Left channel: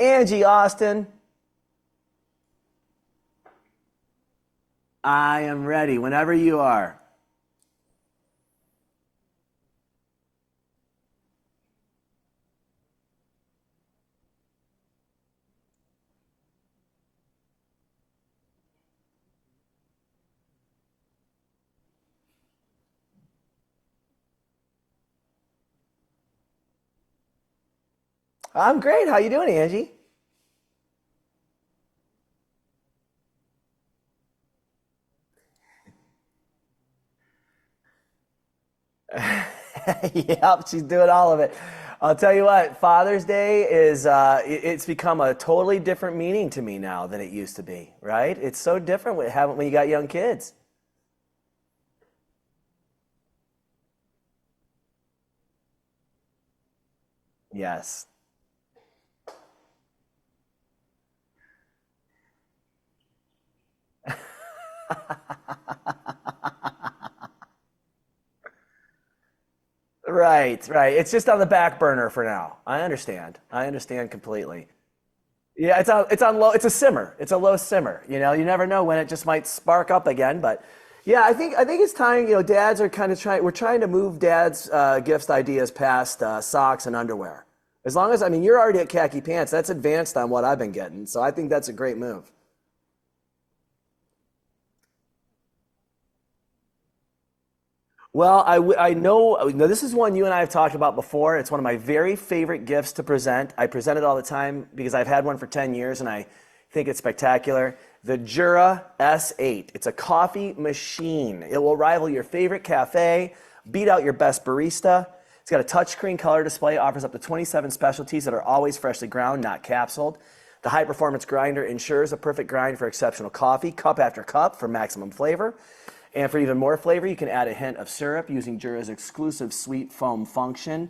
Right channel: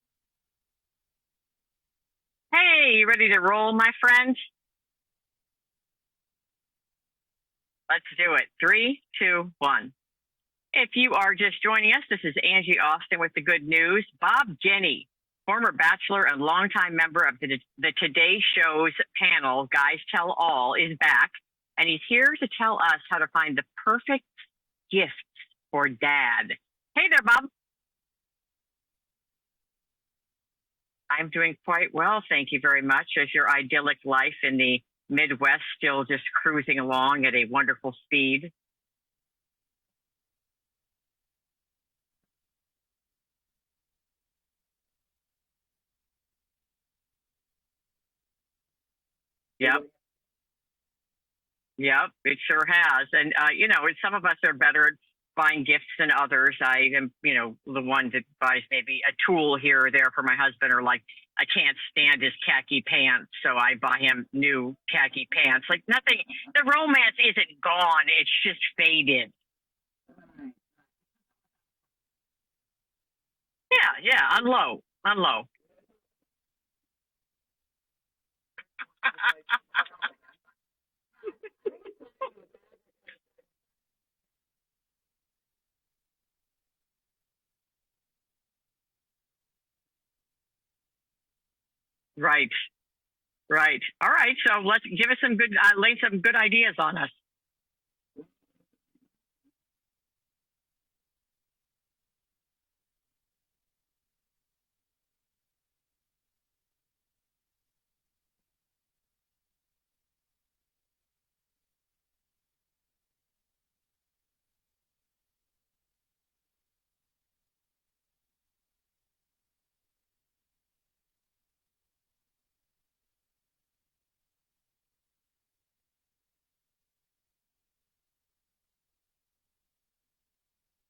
Angie Austin, Hey, you ready to roll, my friend? I am ready whenever you are. Let's do it. Three, two, one. If you are just joining us, this is Angie Austin with the good news. Bob Guiney, former bachelor and longtime member of the Today Show's panel, Guys Tell All, is back, and he's here to tell us how to find the perfect gifts for dad. Hey there, Bob. I'm great. How you doing, Angie? I'm doing quite well, thank you very much. As your idyllic life in the Midwest still just cruising along at a wonderful speed? Yep, she's doing all of it. I'll tell you what, Father's Day is it's become a totally different meaning to me now than it used to be, right? It's so different when you Yep, got young kids. yep, it sure has. And some of us are better at buying gifts than others. I am, the Yes. one that buys maybe a tool here or there for my husband, or like I can't stand his khaki pants, so I buy him new khaki pants. Like nothing, the romance isn't gone; it's just faded. Right, right. It's just on the back burner for now. I understand. I Yeah, understand yeah, on completely. low, on low. Yeah, it's on low. It's a simmer. It's a low simmer. You never know when it just might spark up again. But yeah, I think it's time. Dads are kind of trying. We're trying to move dads' gifts ideas past socks and underwear. As long as you're already at khaki pants. That's advanced on what I've been getting. So I think that's a great move. Right, right. All right. So let's give us some good, lay some good ideas on us. Well, I know this is one you and I have talked about before. It's one of my very favorite gifts to present. I present it all the time because I've had one for 10 years and I think it's spectacular. The Jura S8. It's a coffee machine. It will rival your favorite cafe, beat out your best barista. It's got a touchscreen color display, offers up to 27 specialties that are always freshly ground, not capsuled. The high performance grinder ensures a perfect grind for exceptional coffee, cup after cup for maximum flavor. And for even more flavor, you can add a hint of syrup using Jura's exclusive sweet foam function.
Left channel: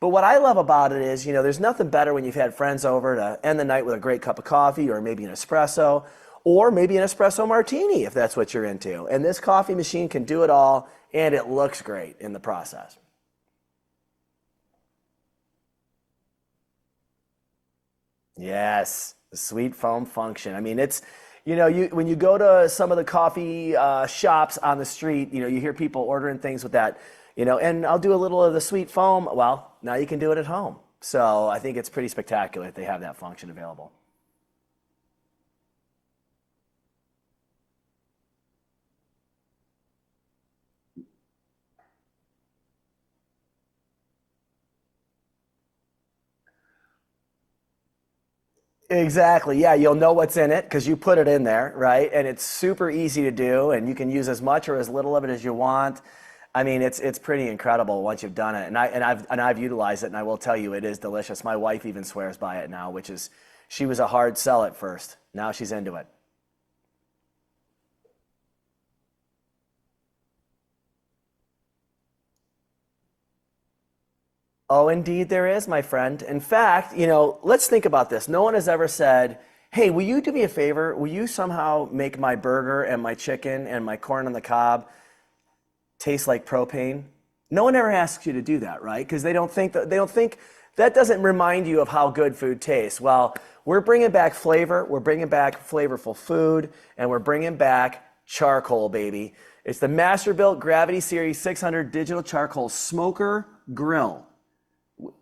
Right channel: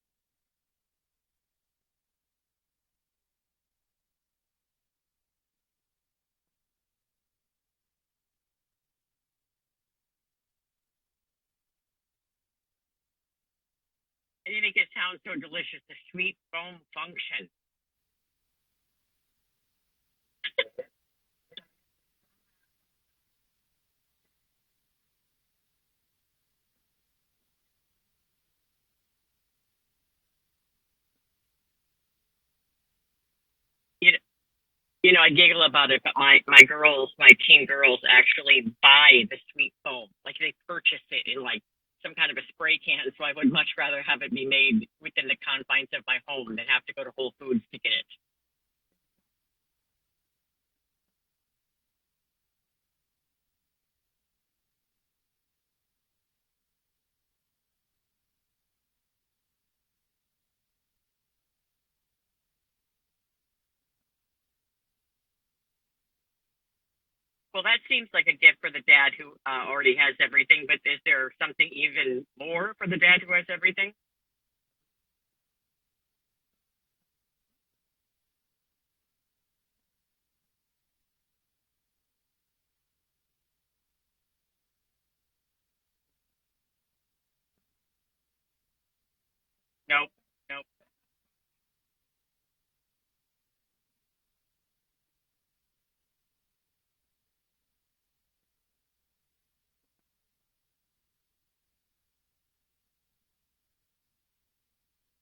But what I love about it is, there's nothing better when you've had friends over to end the night with a great cup of coffee or maybe an espresso or maybe an espresso martini if that's what you're into. And this coffee machine can do it all and it looks great in the process. And you make it sound so delicious. The sweet foam function. Yes, the sweet foam function. It's, you when you go to some of the coffee shops on the street, you hear people ordering things with that, and I'll do a little of the sweet foam. Well, now you can do it at home. So I think it's pretty spectacular that they have that function available. You know, I giggle about it, but my girls, my teen girls, actually buy the sweet foam. Like they purchase it in like some kind of a spray can. So I would much rather have it be made within the confines of my home than have to go to Whole Foods to get it. Exactly. Yeah, you'll know what's in it because you put it in there, right? And it's super easy to do, and you can use as much or as little of it as you want. It's pretty incredible once you've done it, and I've utilized it, and I will tell you, it is delicious. My wife even swears by it now, which is she was a hard sell at first. Now she's into it. Well, that seems like a gift for the dad who already has everything. But is there something even more for the dad who has everything? Oh, indeed, there is, my friend. In fact, let's think about this. No one has ever said, "Hey, will you do me a favor? Will you somehow make my burger and my chicken and my corn on the cob taste like propane?" No one ever asks you to do that, right? Because they Nope, don't think nope. that doesn't remind you of how good food tastes. Well, we're bringing back flavor, we're bringing back flavorful food, and we're bringing back charcoal, baby. It's the Masterbuilt Gravity Series 600 digital charcoal smoker grill.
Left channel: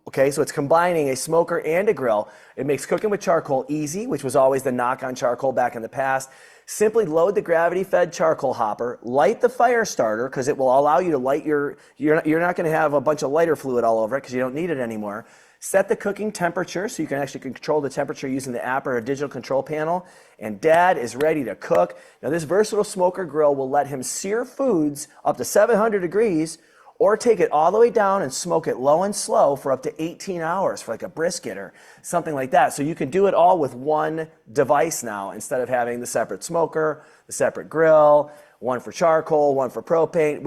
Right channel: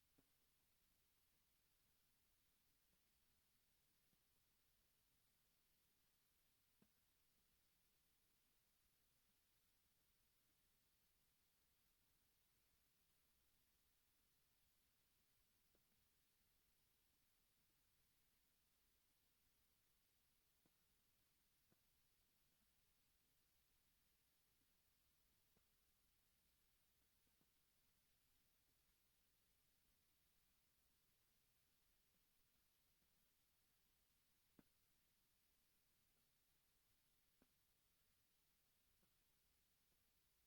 Okay, so it's combining a smoker and a grill. It makes cooking with charcoal easy, which was always the knock on charcoal back in the past. Simply load the gravity-fed charcoal hopper, light the fire starter because it will allow you to light you're not going to have a bunch of lighter fluid all over it because you don't need it anymore. Set the cooking temperature so you can actually control the temperature using the app or a digital control panel. And dad is ready to cook. Now this versatile smoker grill will let him sear foods up to 700 degrees or take it all the way down and smoke it low and slow for up to 18 hours for like a brisket or something like that. So you can do it all with one device now instead of having the separate smoker, the separate grill, one for charcoal, one for propane.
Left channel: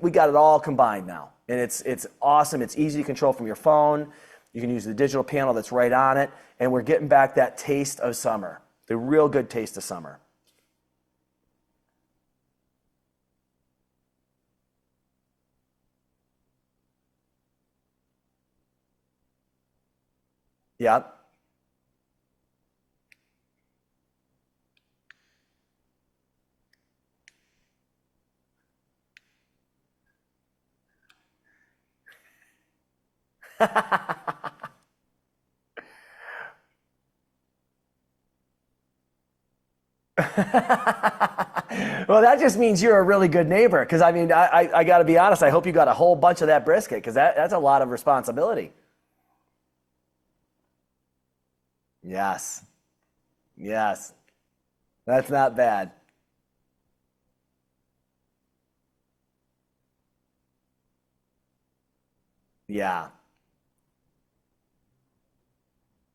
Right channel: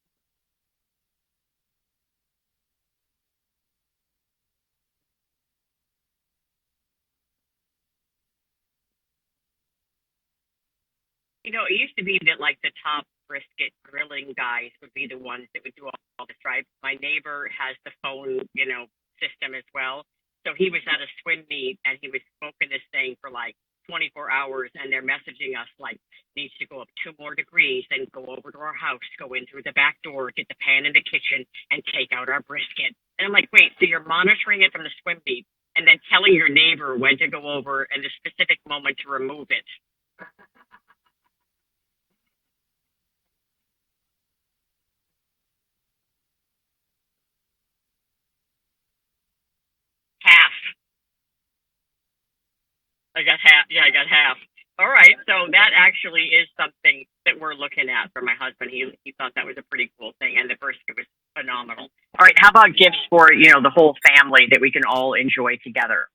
We got it all combined now. And it's awesome. It's easy to control from your phone. You can use the digital panel that's right on it. And we're getting back that taste of summer, the real good taste of summer. It used to be that like the top brisket grilling guys would be the ones that would do all the stripes. My neighbor has the phone, system as well. So he was at Yep. a swim meet and he was smoking this thing for like 24 hours, and they're messaging us like needs to go up 2 more degrees, then go over to our house, go in through the back door, get the pan in the kitchen, and take out our brisket. And I'm like, wait, so you're monitoring it from the swim meet and then telling your neighbor when to go over and the specific moment to remove it. Well, that just means you're a really good neighbor. Because I mean, I got to be honest. I hope you got a whole bunch of that brisket because that's a lot of responsibility. Half. Yes. I got half. Yeah, I got Yes. half. All right. That's So not that bad. actually is something that we're looking at for my husband. He thought that was a pretty cool thing, and the brisket was phenomenal. All right. How about gifts Yeah. for the whole family that we can all enjoy together?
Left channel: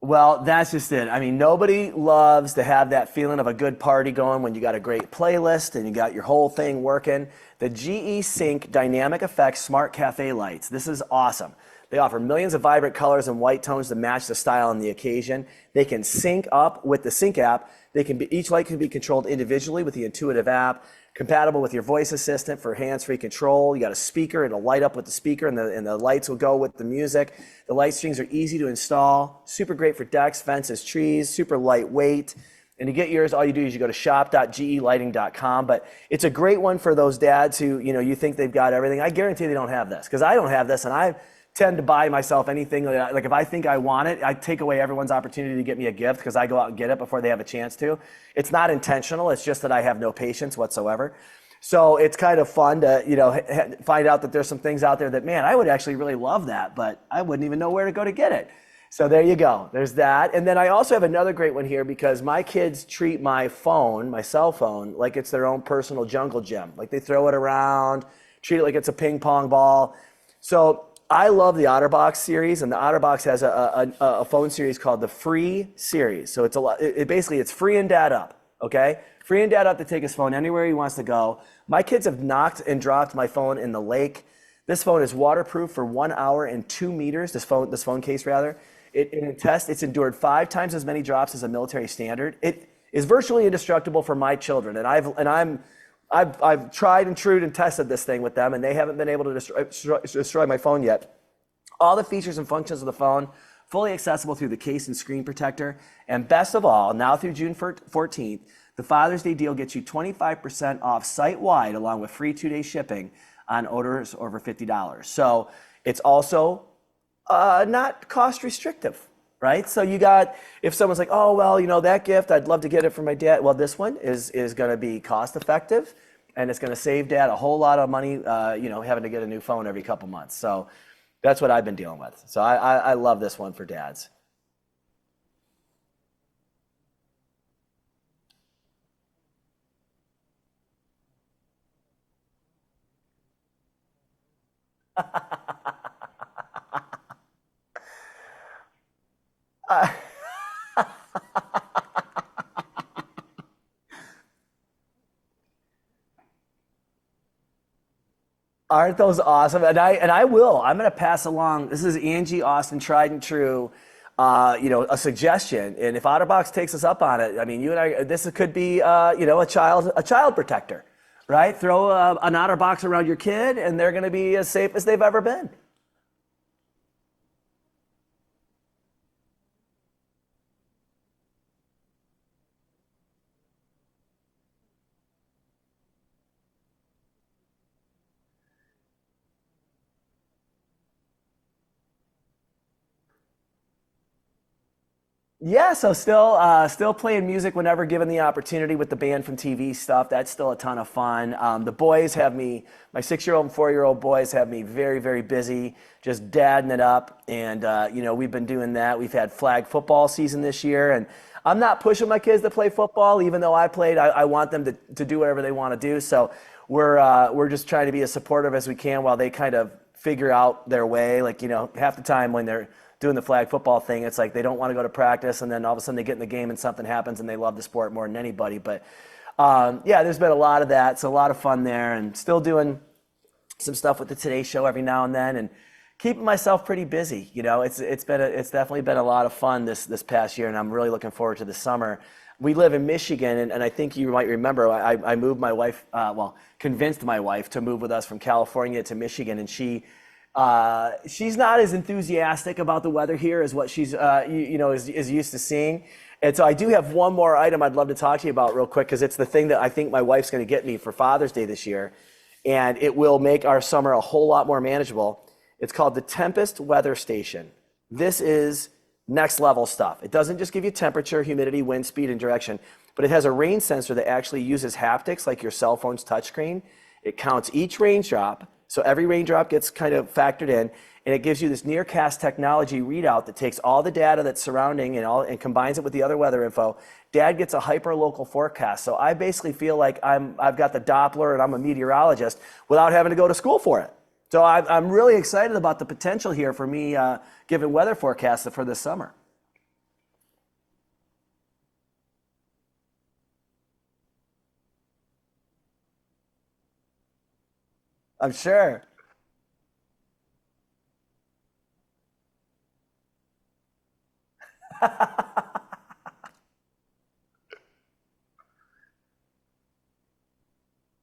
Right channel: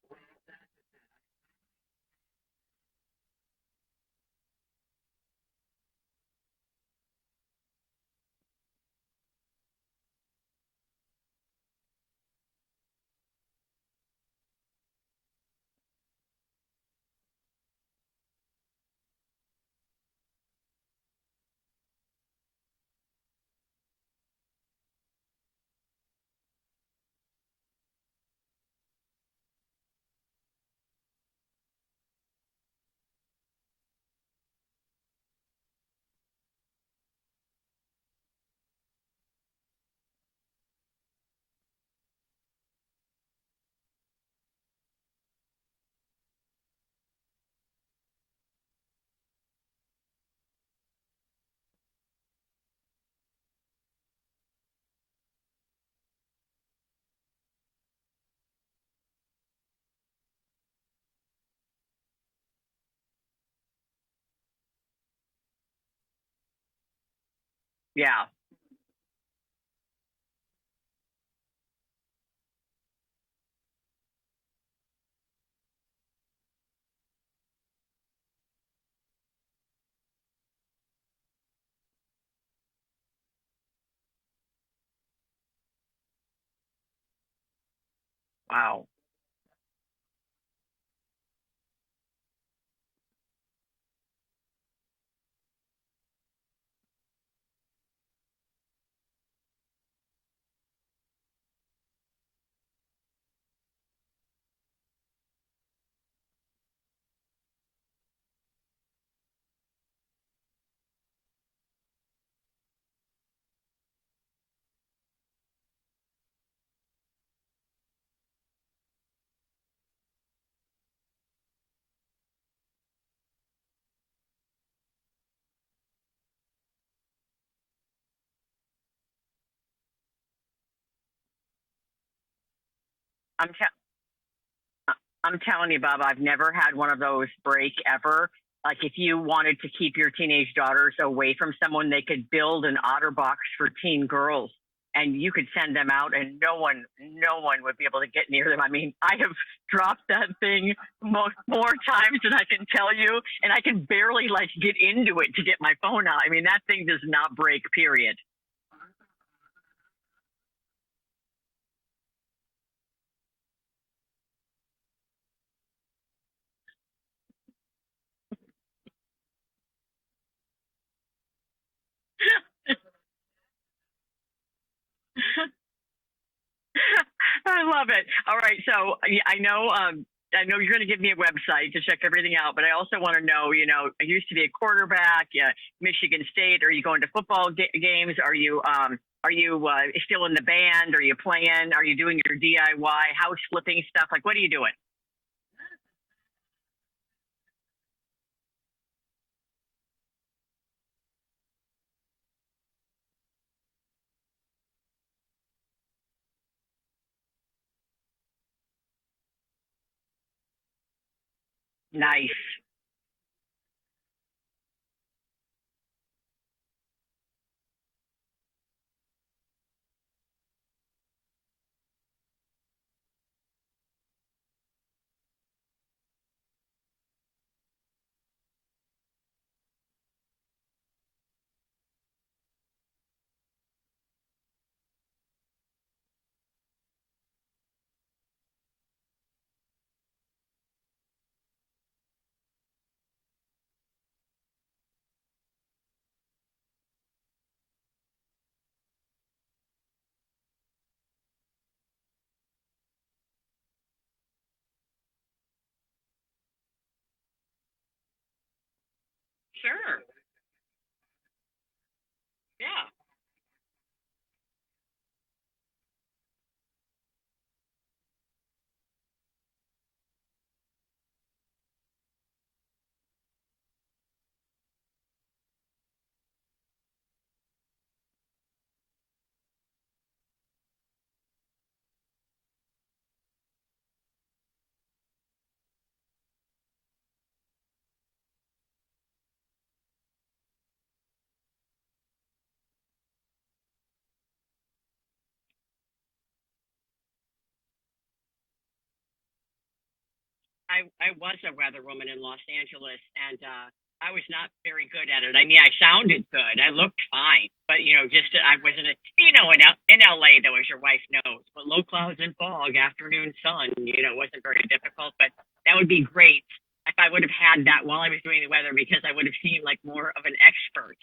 Well, that's just it. I mean, nobody loves to have that feeling of a good party going when you got a great playlist and you got your whole thing working. The GE Sync Dynamic Effects Smart Cafe Lights. This is awesome. They offer millions of vibrant colors and white tones to match the style and the occasion. They can sync up with the Sync app. Each light can be controlled individually with the intuitive app. Compatible with your voice assistant for hands-free control. You got a speaker, it'll light up with the speaker, and the lights will go with the music. The light strings are easy to install, super great for decks, fences, trees, super lightweight. And to get yours, all you do is you go to shop.gelighting.com. But it's a great one for those dads who, you think they've got everything. I guarantee they don't have this, because I don't have this, and I tend to buy myself anything. Like if I think I want it, I take away everyone's opportunity to get me a gift because I go out and get it before they have a chance to. It's not intentional. It's just that I have no patience whatsoever. So it's kind of fun to, find out that there's some things out there that, man, I would actually really love that, but I wouldn't even know where to go to get it. So there you go. There's that. And then I also have another great one here because my kids treat my cell phone, like it's their own personal jungle gym. Like they throw it around, Yeah. treat it like it's a ping pong ball. So I love the OtterBox series, and the OtterBox has a phone series called the Free series. So it's free and dad up, okay? Free and dad up to take his phone anywhere he wants to go. My kids have knocked and dropped my phone in the lake. This phone is waterproof for 1 hour and 2 meters. This phone case rather. Wow. In a test, it's endured 5 times as many drops as a military standard. It is virtually indestructible for my children, and I've tried and true and tested this thing with them, and they haven't been able to destroy my phone yet. All the features and functions of the phone, fully accessible through the case and screen protector. And best of all, now through June 14th, the Father's Day deal gets you 25% off site-wide, along with free 2-day shipping on orders over $50. So it's also not cost restrictive, right? So if someone's like, oh, well, that gift, I'd love to get it for my dad. Well, this one is going to be cost effective, and it's going to save dad a whole lot of money, having to get a new phone every couple months. So that's what I've been dealing with. So I love this one for dads. I'm telling you, Bob, I've never had one of those break ever. Like if you wanted to keep your teenage daughters away from someone, they could build an OtterBox for teen girls, and you could send them out, and no one would be able to get near them. I mean, I have dropped that thing more times than I can tell you, and I can barely get into it to get my phone out. I mean, that thing does not break, period. Aren't those awesome? And I'm going to pass along. This is Angie Austin, tried and true. A suggestion, and if OtterBox takes us up on it, I mean, you and I, this could be, a child protector, right? Throw an OtterBox around your kid, and they're going to be as safe as they've ever been. I love it. All right, so I know you're going to give me a website to check everything out, but I also want to know, I used to be a quarterback, Michigan State. Are you going to football games? Are you still in the band? Are you playing? Are you doing your DIY house flipping stuff? Like, what are you doing? Yeah, so still playing music whenever given the opportunity with the band from TV stuff. That's still a ton of fun. The boys have me, my 6-year-old and 4-year-old boys have me very, very busy, just dadding it up. And, we've been doing that. We've had flag football season this year, and I'm not pushing my kids to play football, even though I played. I want them to do whatever they want to do. So we're just trying to be as supportive as we can while they kind of figure out their way. Like, half the time when they're doing the flag football thing, it's like they don't want to go to practice, and then all of a sudden they get in the game and something happens and they love the sport more than anybody. But there's been a lot of that. So a lot of fun there, and still doing some stuff with the Today Show every now and then, and keeping myself pretty busy. It's definitely been a lot of fun this past year, and I'm really looking forward to the summer. We live in Michigan, and I think you might remember I moved my wife, convinced my wife to move with us from California to Michigan, and she She's not as enthusiastic about the weather here as what she's is used to seeing. And so I do have one more item I'd love to talk to you about real quick because it's the thing that I think my wife's going to get me for Father's Day this year, and it will make our summer a whole lot more manageable. It's called the Tempest Weather Station. This is next level stuff. It doesn't just give you temperature, humidity, wind speed, and direction, but it has a rain sensor that actually uses haptics like your cell phone's touchscreen. It counts each raindrop, so every raindrop gets kind of factored in, and it gives you this nearcast technology readout that takes all the data that's surrounding and combines it with the other weather info. Dad gets a hyper-local forecast, so I basically feel like I've got the Doppler and I'm a meteorologist without having to go to school for it. So I'm really excited about the potential here for me giving weather forecasts for this summer. I was a weather woman in Los Angeles, and I was not very good at it. I mean, I sounded good. I looked fine, but I'm sure. I wasn't. In LA, though, as your wife knows, but low clouds and fog, afternoon sun, wasn't very difficult. But that would be great if I would have had that while I was doing the weather, because I would have seemed like more of an expert.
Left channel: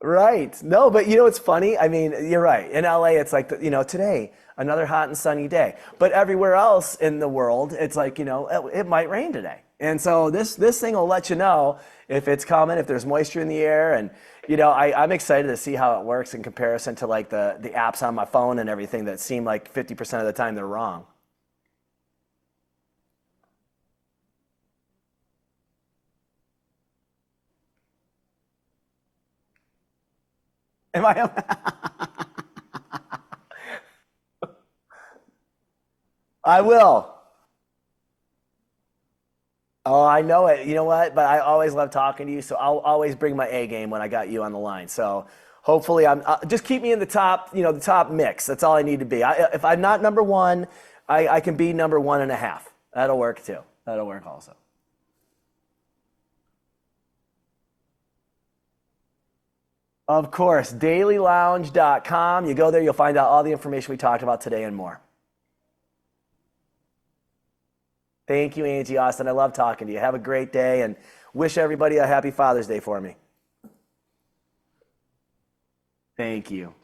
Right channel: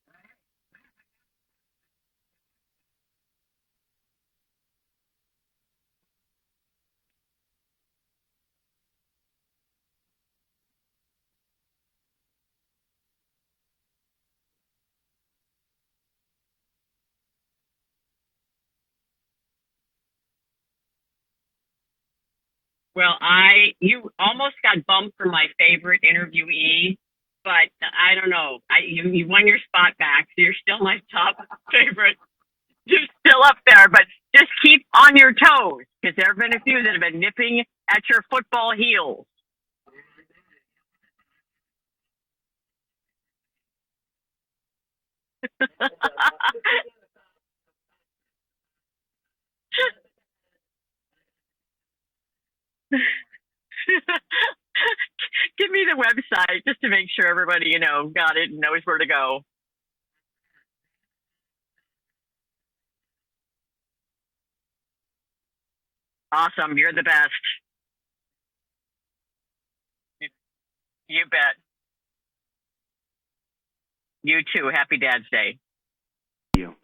Right. No, but it's funny. I mean, you're right. In LA, it's like, today, another hot and sunny day. But everywhere else in the world, it's like, it might rain today. And so this thing will let you know if it's coming, if there's moisture in the air. And, I'm excited to see how it works in comparison to like the apps on my phone and everything that seem like 50% of the time they're wrong. Well, you almost got bumped for my favorite interviewee, but I don't know. You won your spot back, so you're still my top favorite. You're still up there, but just keep on your toes, because there have been a few that have been nipping at your football heels. Oh, I know it. You know what? But I always love talking to you, so I'll always bring my A game when I got you on the line. So hopefully, just keep me in the top, the top mix. That's all I need to be. If I'm not number one, I can be number 1.5. That'll work too. That'll work also. Give me the website just to make sure everybody, got it and knows where to go. Of course, dailylounge.com. You go there, you'll find out all the information we talked about today and more. Awesome. You're the best. Thank you, Angie Austin. I love talking to you. Have a great day, and wish everybody a happy Father's Day for me. You too. Happy Dad's Day. Thank you.